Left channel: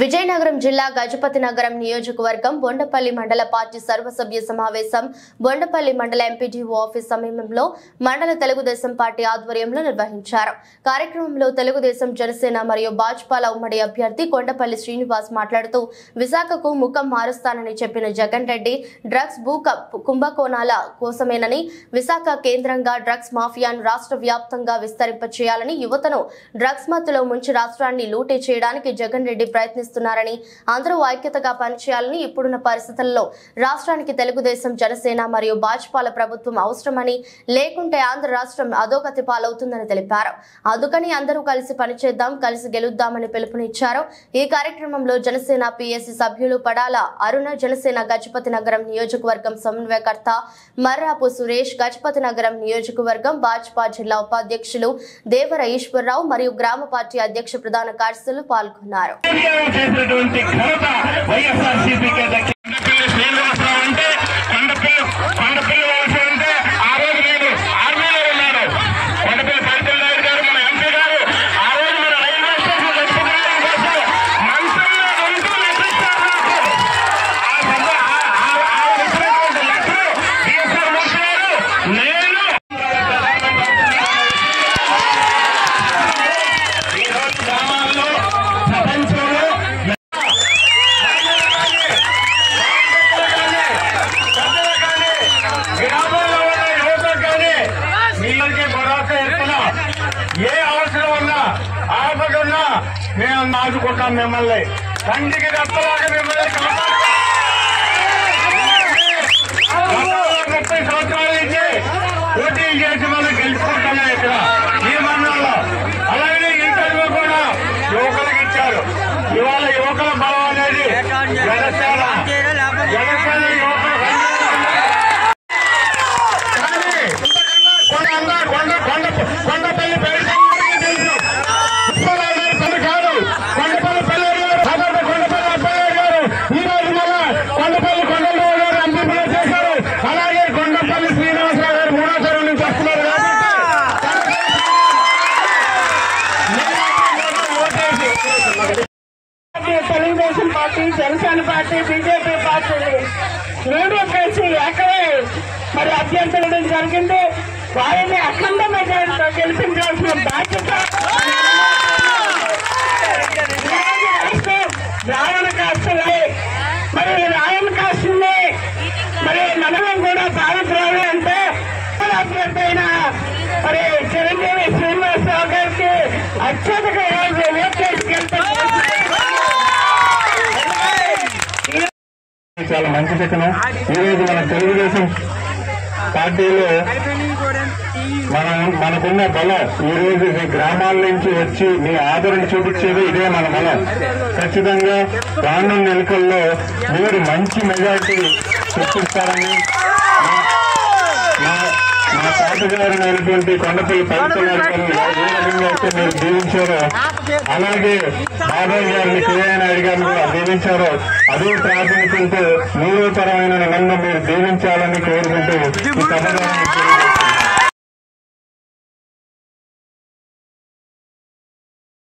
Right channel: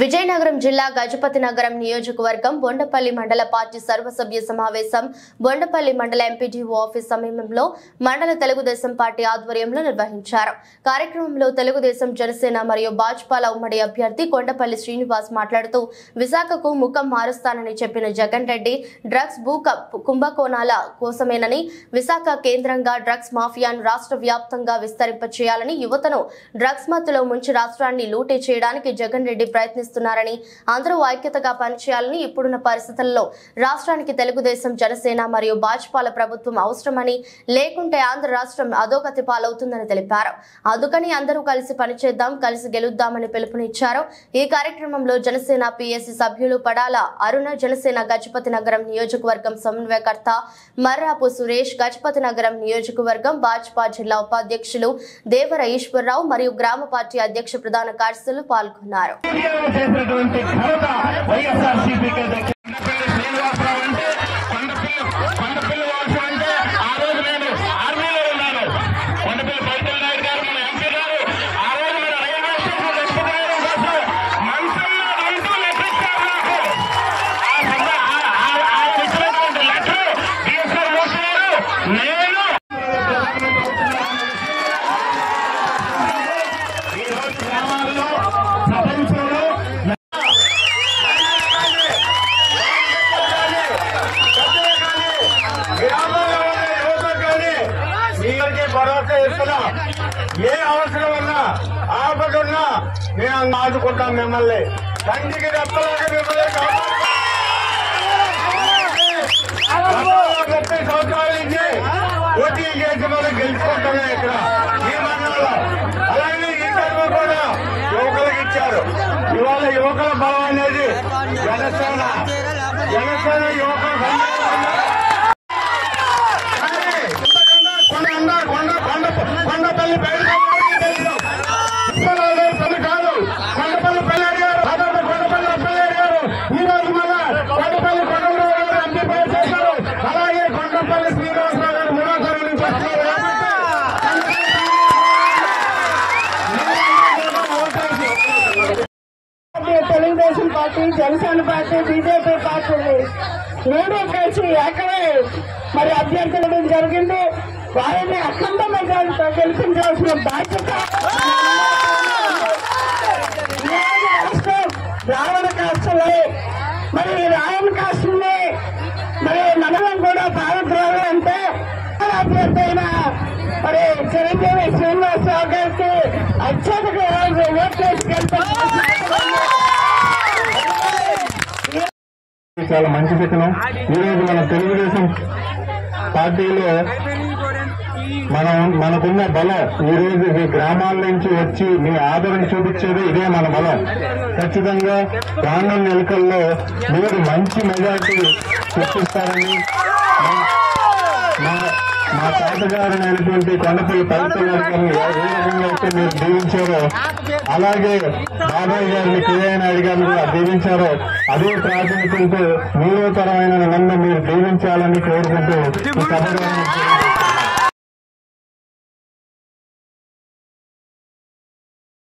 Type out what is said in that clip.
విజయనగరం జిల్లా గజపతి నగరం నియోజకవర్గం బొండపల్లి మండల పార్టీ సర్వసభ్య సమావేశం బొండపల్లి మండల ఎంపీడీఓ ఆఫీస్ సమీపంలో మండల తెలుగుదేశం పార్టీ ఆధ్వర్యంలో నిర్వహించారు. కార్యక్రమంలో తెలుగుదేశం జనసేన మరియు భాజపాల ఉమ్మడి అభ్యర్థి కొండపల్లి శ్రీనివాస్ మాట్లాడుతూ విశాఖకు ముఖం మారుస్తానని చెప్పిన జగన్ రెడ్డి డ్రగ్స్ భూ కుంభకోణాల కోసమేనని, విశాఖ కేంద్రంగా డ్రగ్స్ మాఫియాను రాష్ట్ర వ్యాప్తంగా విస్తరింపచేయాలని, యువతను డ్రగ్స్ మత్తులో ముంచి రాష్ట్రాన్ని లూటీ చేయడానికి జగన్ రెడ్డి ప్రయత్నిస్తున్నారని, అందరూ ఐక్యతగా పనిచేయాలని, ఇప్పుడున్న పరిస్థితుల్లో రాష్ట్రానికి తెలుగుదేశం జనసేన మరియు భాజపాల ప్రభుత్వం అవసరమని, లేకుంటే ఆంధ్ర రాష్ట్రం అధోగతి పాలవుతుందని తెలిపారు. అందుకని అందరూ కలిసి పనిచేద్దాం, కలిసి గెలుద్దామని పిలుపునిచ్చారు. ఈ కార్యక్రమంలో జనసేన పిఎస్సి సభ్యులు పడాల అరుణ, జనసేన గజపతి నగరం నియోజకవర్గం సమన్వయకర్త మర్రాపు సురేష్, గజపతి నగరం నియోజకవర్గం భాజపా జిల్లా ఉపాధ్యక్షులు దేవర ఈశ్వరరావు మరియు గ్రామ పార్టీ అధ్యక్ష ప్రధాన కార్యదర్శులు పాల్గొన్నారు. ఏ అవసరం ఉన్నా ఆపకున్నా మేము ఆదుకుంటాం. మిమ్మల్ని కంటికి రెప్పలాగా మిమ్మల్ని 30 సంవత్సరాల నుంచి పోటీ చేసి మనం గెలుచుకుంటున్నాం ఇక్కడ ఈ మండలంలో. అలాగే ఈ టైంలో కూడా యువకులకు ఇచ్చారు. ఇవాళ యువకుల బలం అనేది జనసేన యువకులు కొండపల్లి కాదు, కొండపల్లి పిల్లలు గారు, కొండపల్లి అప్పయ్య గారు ఈ రోజు మన కొండపల్లి కొండరావు గారు అన్ని చేశారు. అలాగే కొండపల్లి శ్రీనివాసరావు గారు మూడోసారి నుంచి వస్తున్నారు కాబట్టి Telugu Desam party, Janasena party, BJP party రెండు కలిసి ఏకమై మరి అభ్యర్థించడం జరిగింది. వారిని అఖండ మెజారిటీతో గెలిపించాల్సిన బాధ్యత రాయన కాస్టులే. మరి రాయన కాస్టుల్ని మరి మనం కూడా భావించాలి అంటే అభ్యర్థి అయిన మరి చిరంజీవి శ్రీనివాసరావు గారికి అత్యధిక ఓట్ చేసుకెళ్తాం. చాలా మంచి చెప్పిన ఈరోజు మన తెలుగుదేశం పార్టీలో మనకున్న బలం ఈ రోజు మీ గ్రామాల నుంచి వచ్చి మీ ఆదరణ చూపించేది ఇదే మన బలం. ఖచ్చితంగా రానున్న ఎన్నికల్లో మీరు మంచి మెజారిటీ చూపిస్తారని మా తాతగారినటువంటి కొండపల్లి పవిత్ర గారు ఏ రకంగా అయితే మీరు దీవించారో అలాగే బాబాయ్ గారిని కేవై నాయుడు గారిని కూడా దీవించారో అదే ప్రాతినిధ్యంతో 3వ తరమైన నన్ను మీరు దీవించాలని కోరుకుంటూ ఈ సభ